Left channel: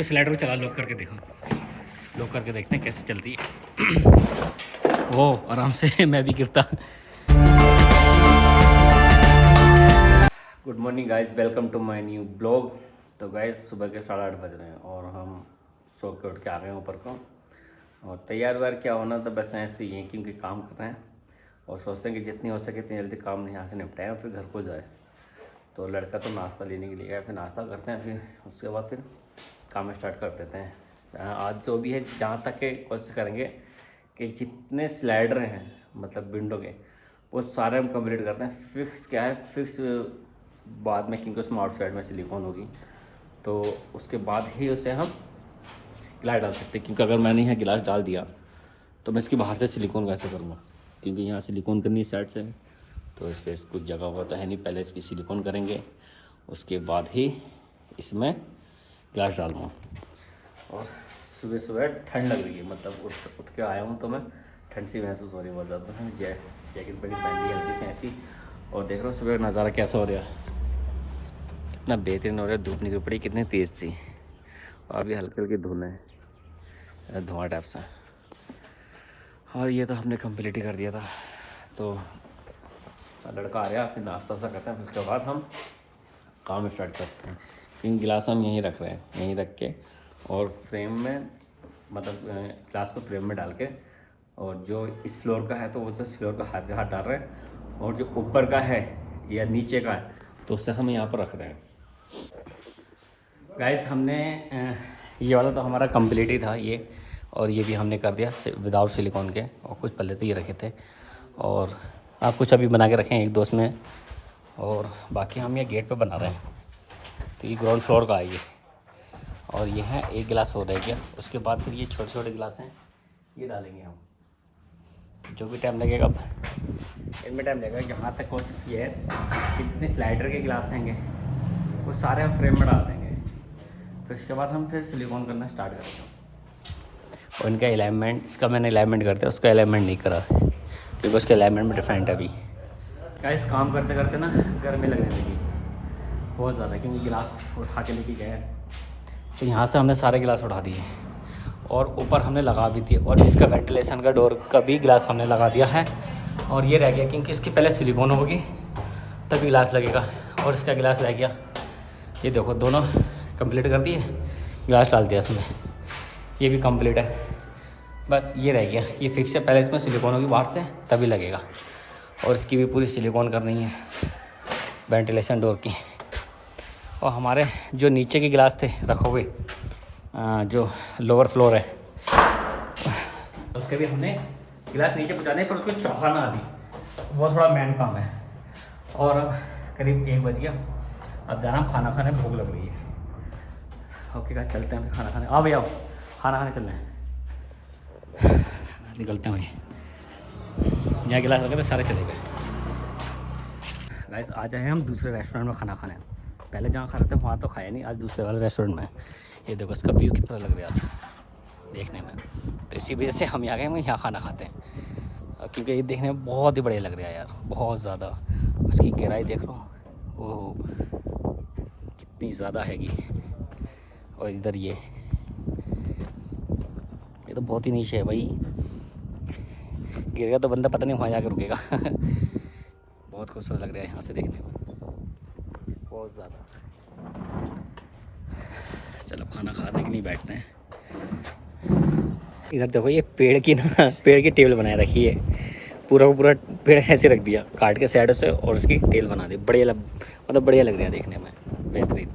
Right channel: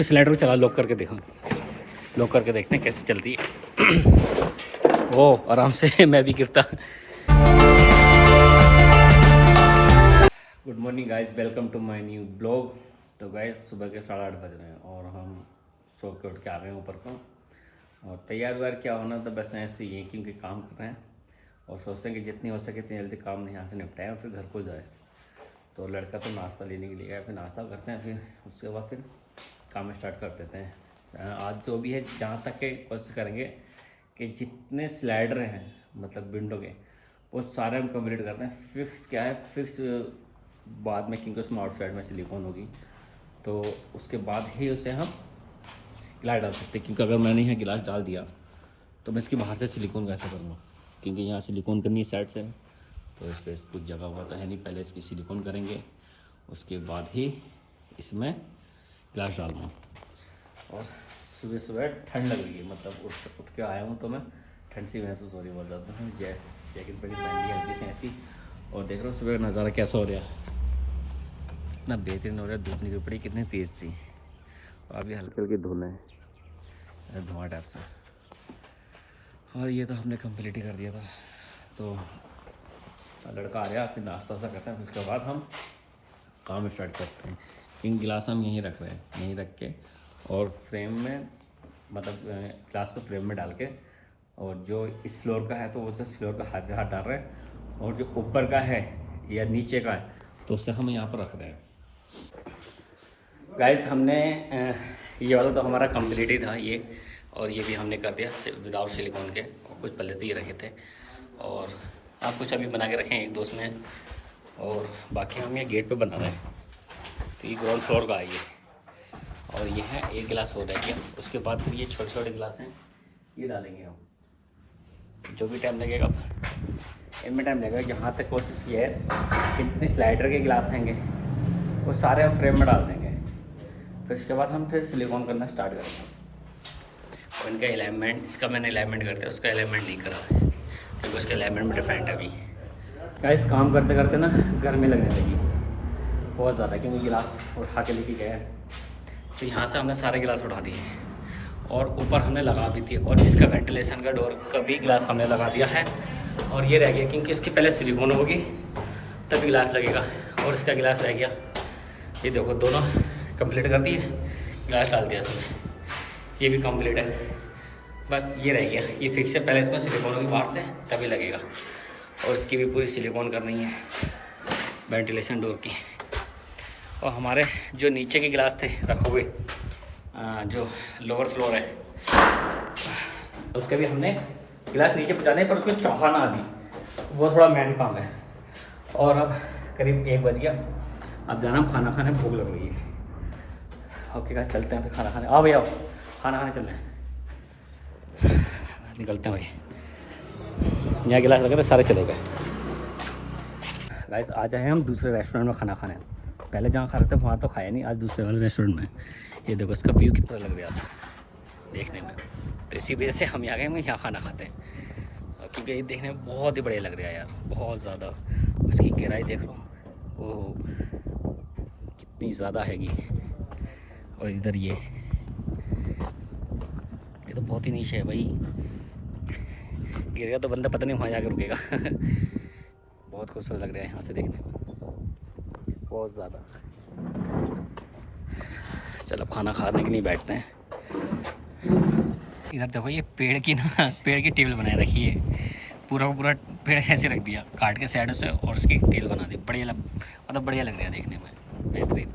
इसकी स्लाइडर को चला लॉक करके देखो, लॉक करके देखते हैं कैसे चलती है। ओ आराम से मैं भी गिरता। Good morning guys, welcome to my new blog. तो गाइस सुबह के 8:30 बज रहे हैं और हम सो के उठ के आ गए हैं ऊपर को। और तैयार व्यार क्या होना तो बस ऐसे ही है, क्योंकि काम कर रहे हैं और सोचते हैं कि जितनी हो सके इतनी जल्दी काम यहाँ से निपटाएं और फिर घर को जाए। तो लड़का तो नाश्ता लेने के लिए गया, फिर नाश्ता करते हैं, फिर उसके बाद फिर काम स्टार्ट कर देते हैं। आज जो भी है, जहाँ तक के कोशिश करेंगे कि जितने स्लाइडर हैं मतलब विंडो के, वो सारे हम कंप्लीट करते हैं। फिक्स क्या है, फिक्स बाद में, क्योंकि उसमें आउटसाइड में सिलिकॉन होगी तो उसके बाद ही उसे हम गिलास डाल सकते हैं। क्योंकि अगर मैंने यहाँ गिलास डाल दिया तो मैं इसकी बाहर से सिलिकॉन कैसे करूँगा, क्योंकि यहाँ सिलिकॉन करनी साइड से, तो इस पर कुछ जगह होता है नहीं। पहले इसकी सिलिकॉन करेंगे, उसके बाद ही इसमें गिलास डालूँगा। और सुबह सुबह ठंड लग रही है, मतलब उठ के आया हूँ तो मैं ठंड सी महसूस हो रही है बहुत ज़्यादा। जैकेट पहन ली हल्की सी ऐसी, और देख रहा हूँ सुबह का नज़ारा कैसा हो रहा है, कितना बेहतरीन हो रहा है। धूप निकल पड़ी कितनी तेज़ थी, और अभी हल्के हल्के धुएँ हैं, धुआं टाइप से। और ये तो हमने कंप्लीट ही कर दिया था। तो लड़का आ गया, फिर नाश्ता सा करते हैं, फिर उसके बाद हम काम स्टार्ट करते हैं। क्योंकि गिलास हम यहीं रख रहे हैं, यहीं रख के और फ्रेम में, मतलब गिलास को फ्रेम में डाल के, और जो इस फ्लोर का है तो वो तो इस फ्लोर का हाथ हाथ डाल रहे हैं, और जो ऊपर का है या नीचे का है तो उससे हम यहाँ पर रख रहे हैं। गाइस हमने ये वाला तो हमारा कंप्लीट ही था ये, और ये भी हमने कर दिया विदाउट सिलिकॉन के। और कुछ पहले तो ये रखे थे, और आप कुछ अभी बना के रखें एक दोस्त में, और बाकी हम ये गेट पे बना रहे हैं। तो ये ग्राउंड फ्लोर का है ये, और ये है एक गिलास हो रह गया। उसके बाद फिर ये छोटे छोटे गिलास हैं, ये डालेंगे हम। जो भी टाइम लगेगा, अब इनमें टाइम लगेगा। यहाँ तक कोशिश ये है कि जितने स्लाइडर के गिलास रहेंगे वो सारे हम फ्रेम में डाल देंगे। फिर इसके बाद हम फिर सिलिकॉन करना स्टार्ट करेंगे। और इनका अलाइनमेंट, इसका मैंने अलाइनमेंट कर दिया, उसका अलाइनमेंट नहीं करा क्योंकि उसका अलाइनमेंट में डिफरेंट है। अभी क्या इस काम करते करते ना गर्मी लगने लगी बहुत ज़्यादा, क्योंकि गिलास उठा के लेके गए। तो यहाँ से हमने सारे गिलास उठा दिए और ऊपर हमने लगा भी दिए, और इसका वेंटिलेशन का डोर का भी गिलास हमने लगा दिया है। और ये रह गया क्योंकि इसकी पहले सिलिकॉन होगी तभी गिलास लगेगा, और इसका गिलास रह गया। ये देखो दोनों कंप्लीट कर दिए, गिलास डाल दिया इसमें, ये भी कंप्लीट है। बस ये रह गया, ये फिक्स है। पहले इसमें सिलिकॉन होगी बाहर से तभी लगेगा, और इसकी भी पूरी सिलिकॉन करनी है वेंटिलेशन डोर की। और हमारे जो नीचे के गिलास थे रखोगे, जो लोअर फ्लोर है उसके भी हमने गिलास नीचे पहुँचाने, पर उसको चढ़ाना अभी वो थोड़ा मेन काम है। और अब करीब 1 बज गया, अब जाना हम खाना खाने, भूख लग रही है। ओके गाइस चलते हैं फिर खाना खाने। आओ भैया आओ, खाना खाने चलते हैं, निकलते हैं भाई। यहाँ गिलास लगे तो सारे चले गए। गाइस आ जाए हम दूसरे रेस्टोरेंट में खाना खाने। पहले जहाँ खा रहे थे वहाँ तो खाया नहीं, आज दूसरे वाले रेस्टोरेंट में। ये देखो इसका व्यू कितना लग रहा है आप देखने में। तो इसी वजह से हम यहाँ गए, हम यहाँ खाना खाते हैं, क्योंकि ये देखने में बहुत ही बढ़िया लग रहा है यार, बहुत ज़्यादा। उसकी गहराई देख लो, ओह कितनी ज़्यादा हैगी। और इधर ये तो बहुत ही नीचे है भाई, गिर गया तो बंदा पता नहीं वहाँ जाकर रुकेगा। बहुत खूबसूरत लग रहा है यहाँ से देखने में, बहुत ज़्यादा। चलो खाना खाने के लिए बैठते हैं। इधर देखो ये पेड़ की ना, पेड़ की टेबल बनाए रखी है, पूरा का पूरा पेड़ ऐसे रख दिया काट के साइड से, और उसकी टेल बना दी। बढ़िया मतलब बढ़िया लग रहा है देखने में, बेहतरीन।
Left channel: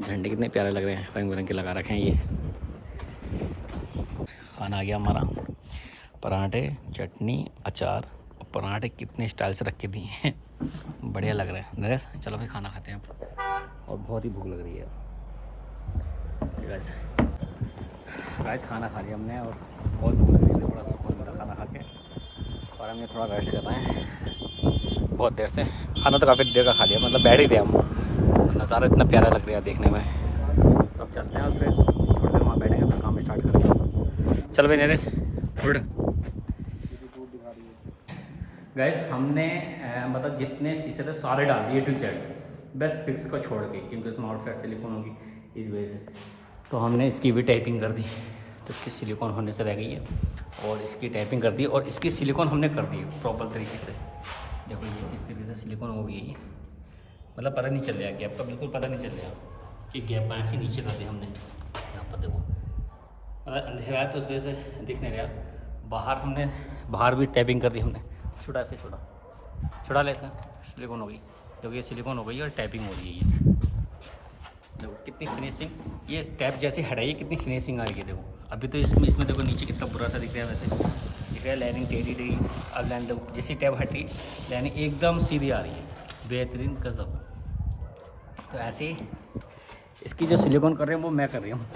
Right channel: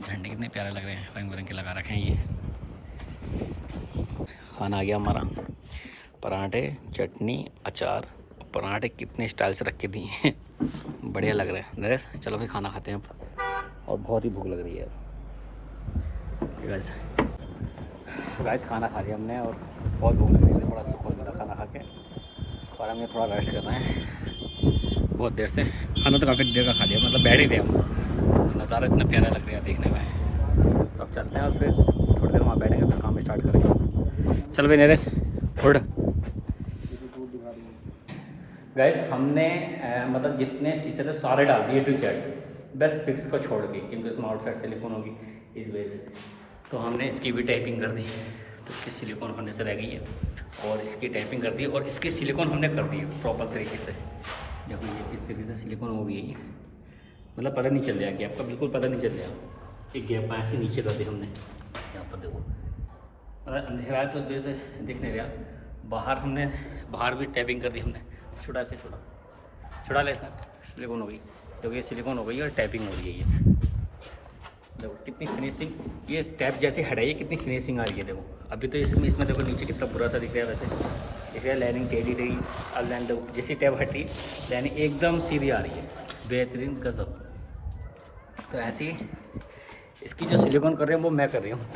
झंडे कितने प्यारे लग रहे हैं, रंग बिरंगे लगा रखे हैं। ये खाना आ गया हमारा, पराठे चटनी अचार। पराठे कितने स्टाइल से रख के दिए हैं, बढ़िया लग रहा है नरेश। चलो फिर खाना खाते हैं अब, और बहुत ही भूख लग रही है गाइस। खाना खा लिया हमने और बहुत भूख लग रही थी, बड़ा सुकून मिला खाना खा के। और हम ये थोड़ा रेस्ट कर रहे हैं बहुत देर से। खाना तो काफ़ी देर का खा लिया, मतलब बैठ ही थे हम, नज़ारा इतना प्यारा लग रहा है देखने में। तो अब चलते हैं और फिर थोड़ी देर वहाँ बैठेंगे, फिर काम स्टार्ट करेंगे। चल भाई नरेश उठ। गाइस हमने मतलब जितने शीशे थे सारे डाल दिए टू जेड, बस फिक्स को छोड़ के, क्योंकि उसमें आउटसाइड सिलिकॉन होगी इस वजह से। तो हमने इसकी भी टाइपिंग कर दी, तो इसकी सिलिकॉन होने से रह गई है, और इसकी टाइपिंग कर दी, और इसकी सिलिकॉन हमने कर दी है प्रॉपर तरीके से। देखो ये किस तरीके से सिलिकॉन हो गई है, मतलब पता नहीं चल रहा गैप का, बिल्कुल पता नहीं चल रहा कि गैप ऐसे नीचे कर दी हमने। यहाँ पर देखो मतलब अंधेरा है तो उस वजह से दिख नहीं रहा। बाहर हमने बाहर भी टैपिंग कर दी हमने। छुड़ा ले इसका, सिलिकॉन हो गई। देखो ये सिलिकॉन हो गई है और टैपिंग हो रही है। ये देखो कितनी फिनिशिंग, ये टैप जैसे हटाइए कितनी फिनिशिंग आ रही है। देखो अभी तो इसमें देखो नीचे कितना बुरा सा दिख रहा है, वैसे दिख रहा है लाइनिंग टेढ़ी रही। अब लाइन देखो जैसी टैप हटी लाइनिंग एकदम सीधी आ रही है, बेहतरीन गजब। तो ऐसे ही इसकी जो सिलिकॉन कर रहे हैं वो मैं कर रही हूँ,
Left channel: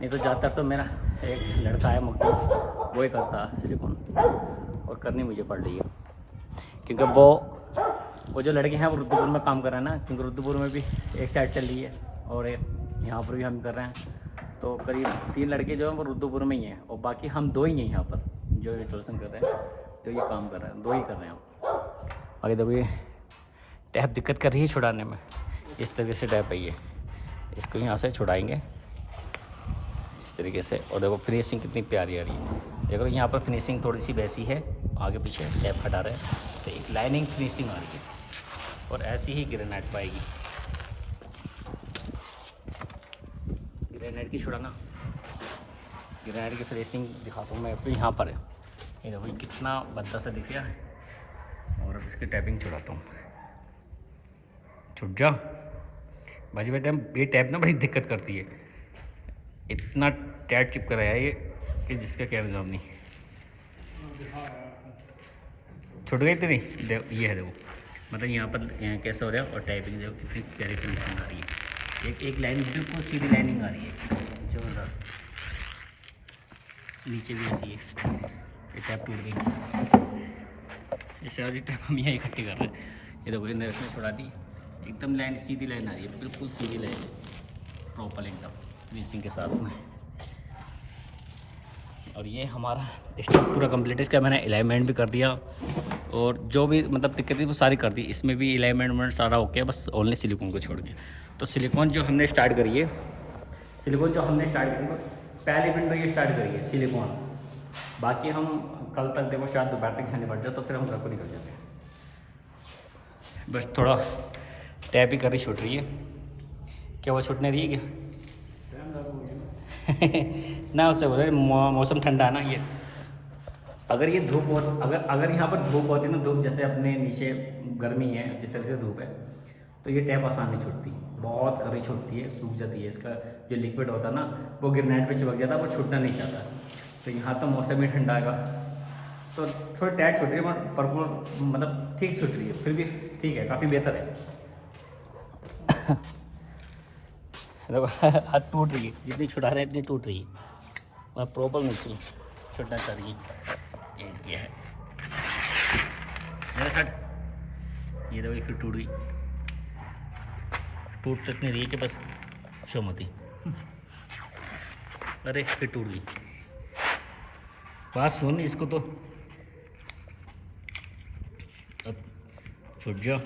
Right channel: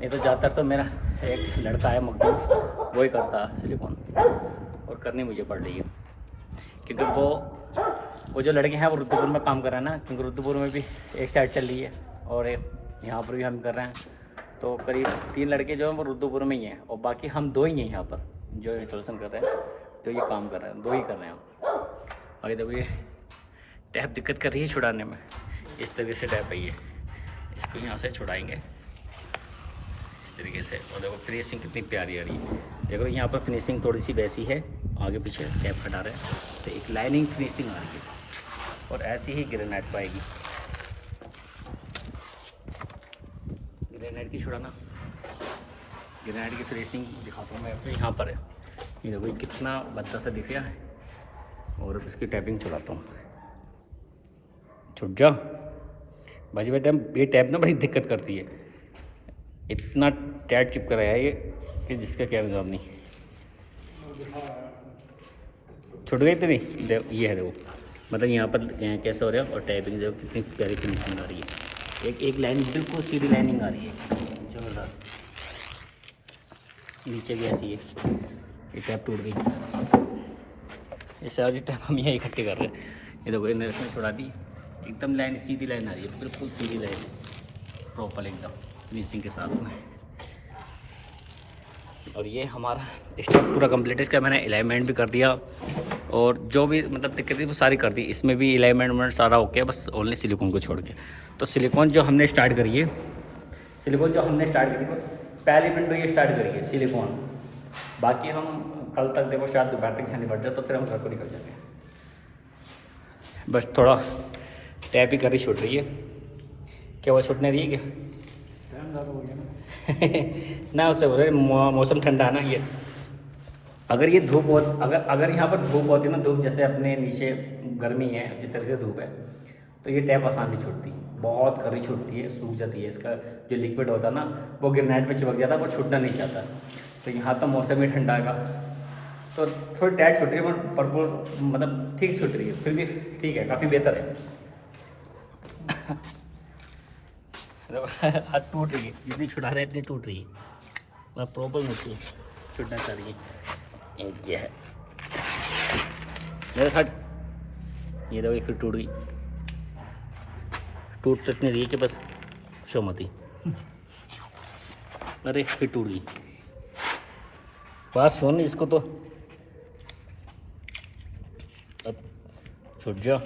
नहीं तो ज़्यादातर तो मेरा एक लड़का है मकदूम, वो ही करता है सिलिकॉन, और करनी मुझे पड़ रही है क्योंकि वो जो लड़के हैं वो रुद्रपुर में काम कर रहे हैं ना, क्योंकि रुद्रपुर में भी एक साइड चल रही है और एक यहाँ पर भी हम कर रहे हैं। तो करीब 3 लड़के जो हैं वो रुद्रपुर में ही हैं, और बाकी हम 2 ही हैं यहाँ पर जो इंस्टॉलेशन कर रहे हैं, जो ये काम कर रहे हैं, 2 ही कर रहे हैं हम। और ये देखो ये टैप दिक्कत कर रही है छुड़ाने में, इस तरीके से टैप है ये, इसको यहाँ से छुड़ाएंगे इस तरीके से। और देखो फिनिशिंग कितनी प्यारी आ रही है। देखो यहाँ पर फिनिशिंग थोड़ी सी वैसी है, आगे पीछे टैप हटा रहे हैं तो एक लाइनिंग फिनिशिंग आ रही है, और ऐसी ही ग्रेनाइट पाएगी। ग्रेनाइट की छुड़ाना, ग्रेनाइट की फिनिशिंग दिखाता हूँ मैं आपको। यहाँ पर है ये देखो कितना भद्दा सा दिख रहा है, और अब इसकी टैपिंग छुड़ाता हूँ। छुट जा भाजी भाई, ये टैप ना बड़ी दिक्कत करती है, इतना टाइट चिपका रहा है ये कि जिसका क्या निजाम नहीं। छुट गई इतनी, देखो ये है देखो, मतलब यहाँ पर कैसा हो रहा है, और टाइपिंग देखो कितनी प्यारी फिनिशिंग आ रही है। एक लाइन बिल्कुल सीधी लाइनिंग आ रही है, ज़बरदस्त। नीचे भी ऐसी है, ये टैप टूट गई। ऐसे वाली टैप हम यहाँ इकट्ठे कर रहे हैं। ये देखो इन्हें इसमें छुड़ा दी, एकदम लाइन सीधी लाइन आ रही है, बिल्कुल सीधी लाइन है प्रॉपर एकदम फिनिशिंग के साथ में। और ये हमारा स्टेप पूरा कंप्लीट है। इसका मैंने अलाइनमेंट भी कर दिया, और जो भी मतलब दिक्कत थी वो सारी कर दी। इसमें भी अलाइनमेंट सारा ओके, बस ओनली सिलिकॉन को छोड़ के। तो सिलिकॉन जो हमने स्टार्ट करी है, पहली विंडो ये स्टार्ट करी है सिलिकॉन। बाकी हम कल तक देखो शायद दोपहर तक खाने बढ़ जाए, तो फिर हम घर को निकल जाते हैं। बस थोड़ा टैप ही करी छूट रही है। क्या वो छूटने रही है क्या? ना उससे बोल रहे मौसम ठंडा है ना ये। अगर ये धूप हो, अगर यहाँ पर धूप होती ना, धूप जैसे अपने नीचे गर्मी है जिस तरह से धूप है, तो ये टैप आसान नहीं छूटती, बहुत कड़ी छूटती है, सूख जाती है। इसका जो लिक्विड होता है ना वो ग्रेनाइट पे चिपक जाता है, वो छूटना नहीं चाहता। तो यहाँ तो मौसम ही ठंडा आएगा तो थोड़ी टाइट छूट रही है, पर मतलब ठीक छूट रही है, फिर भी ठीक है, काफ़ी बेहतर है। हाथ टूट रही है, जितनी छुड़ा रहे इतनी टूट रही है, मतलब प्रॉपर नहीं छुटना चाह रही है। एक ये है मेरे साथ, ये देखो फिर टूट गई। टूट तक नहीं रही है कि बस शोमती, अरे फिर टूट गई। बात सुन इसको, तो अब छूट जा,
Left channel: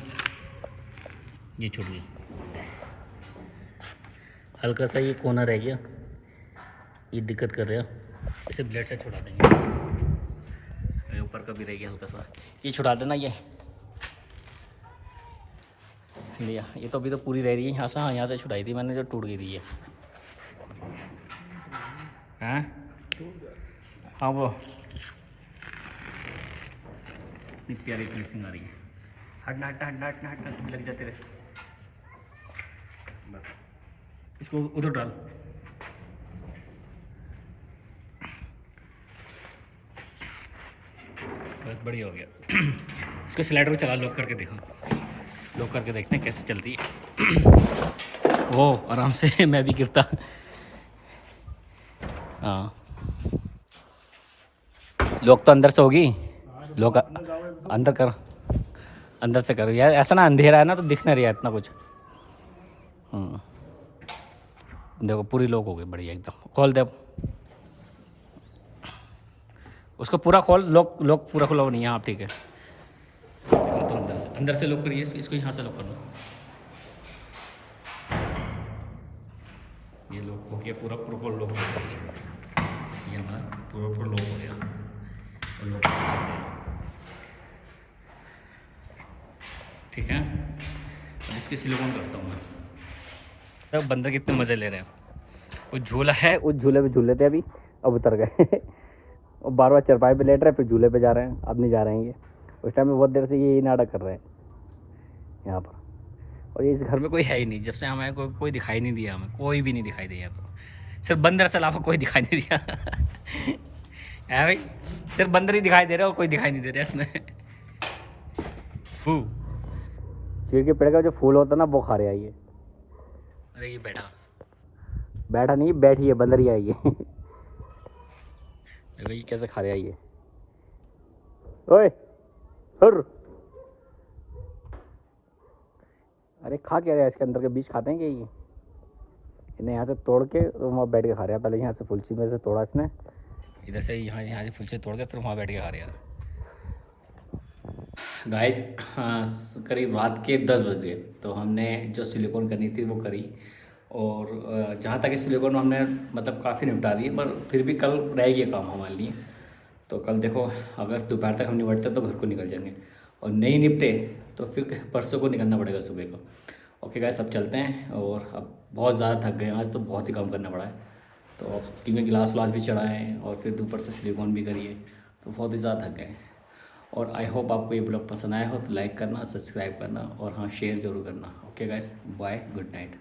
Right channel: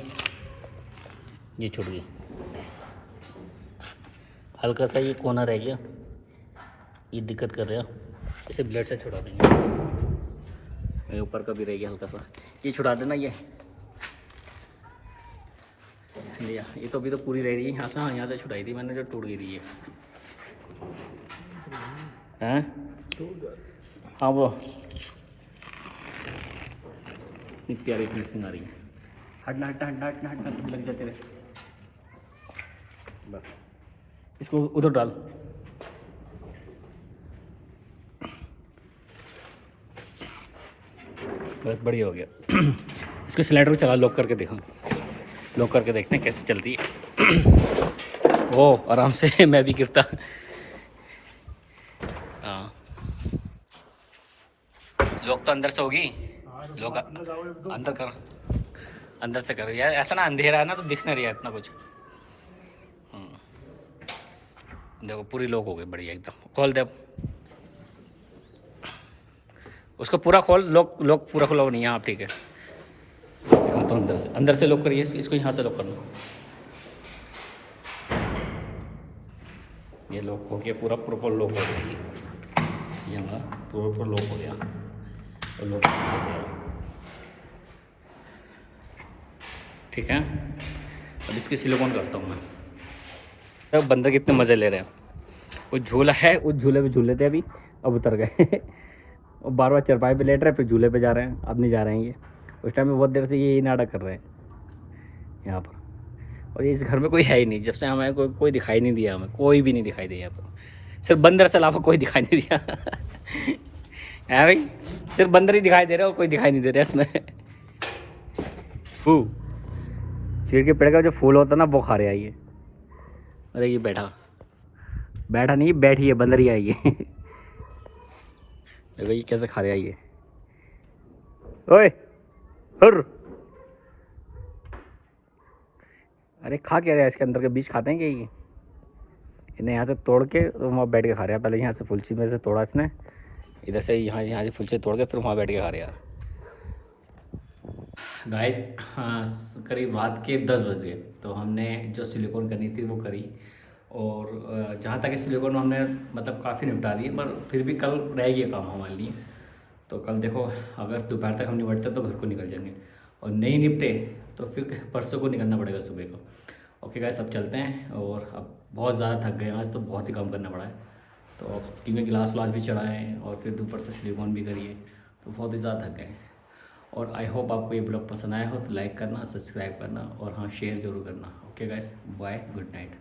ये छूट गई। हल्का सा ये कोना रह गया, ये दिक्कत कर रहा है, इसे ब्लेड से छुड़ा देंगे। ऊपर का भी रह गया हल्का सा, ये छुड़ा देना। ये लिया, ये तो अभी तो पूरी रह रही है यहाँ से। हाँ यहाँ से छुड़ाई थी मैंने, जो टूट गई थी ये। हैं हाँ वो इतनी प्यारी फिनिशिंग आ रही है। हटना हटना हटना हटना हटना, तो लग जाते रहे। बस इसको उधर डाल, बस बढ़िया हो गया। इसकी स्लाइडर चला, लॉक करके देखो, लॉक करके देखते हैं कैसे चलती है। वो आराम से मैं भी गिरता। हाँ लॉक तो अंदर से होगी, लॉक अंदर कर, अंदर से करो यार। ऐसा ना अंधेरा है ना तो दिख नहीं रहा इतना कुछ। देखो पूरी लॉक हो गई बढ़िया एकदम। खोल दे उसको पूरा खोल, लॉक पूरा खुला नहीं है। हाँ ठीक है, तो अंदर से लॉक करिए इसको, यहाँ से लॉक करना। ये लॉक हो गया, पूरा प्रॉपर लॉक हो गया। ये हमारा प्रॉपर लॉक हो गया और लॉक चल गया। ठीक है, अब इसकी सिलिकॉन करता हूँ मैं। अब बंदर कितने मज़े ले रहे हैं। वो झूला है, उस झूले पे झूल लेते अभी, अब उतर गए और बार बार चरपाई पे लेट रहे, फिर झूले पे जा रहे हैं, अब नहीं जा रहे हैं ये। उस टाइम में बहुत देर से ये नाटक कर रहे हैं यहाँ पर। और ये इस घर में कोई है ही नहीं, जब से हमें कोई दिखाई नहीं दिया, हमें कोई भी नहीं दिखाई दिया यहाँ पर, सिर्फ बंदर से अलावा कोई दिखाई नहीं दिया है भाई, सिर्फ बंदर ही दिखाई दे रहे हो, कोई दिखाई नहीं दे रहा इसमें। फू चीड़ के पेड़ का जो फूल होता है ना, वो खा रहे आइए। अरे ये बैठा नहीं, बैठी है, बंदर ही आई है देखो ये कैसे खा रहे आइए। ओए हुर, अरे खा क्या रहा है, इसके अंदर के बीज खाते हैं क्या ये? इन्हें यहाँ से तोड़ के तो वहाँ बैठ के खा रहा है। पहले यहाँ से फुलसी में से तोड़ा इसने, इधर से यहाँ से फुलसी तोड़ के फिर वहाँ बैठ के खा रहा है। गाइस, हाँ, करीब रात के 10 बज गए, तो हमने जो सिलिकॉन करनी थी वो करी। और जहाँ तक इस सिलिकॉन हमने मतलब काफ़ी निपटा दिए, पर फिर भी कल रह गया काम हमारे लिए। तो कल देखो, अगर दोपहर तक हम निपटते तो घर को निकल जाएंगे, और नहीं निपटे तो फिर परसों को निकलना पड़ेगा सुबह को। ओके गाइस, अब चलते हैं। और अब बहुत ज़्यादा थक गए आज, तो बहुत ही काम करना पड़ा है। तो अब क्योंकि गिलास व्लास भी चढ़ाएँ और फिर ऊपर से सिलिकॉन भी करिए, तो बहुत ही ज़्यादा थक गए। और आई होप आपको ये ब्लॉग पसंद आया हो, तो लाइक करना, सब्सक्राइब करना और हाँ, शेयर ज़रूर करना। Okay guys, bye, good night.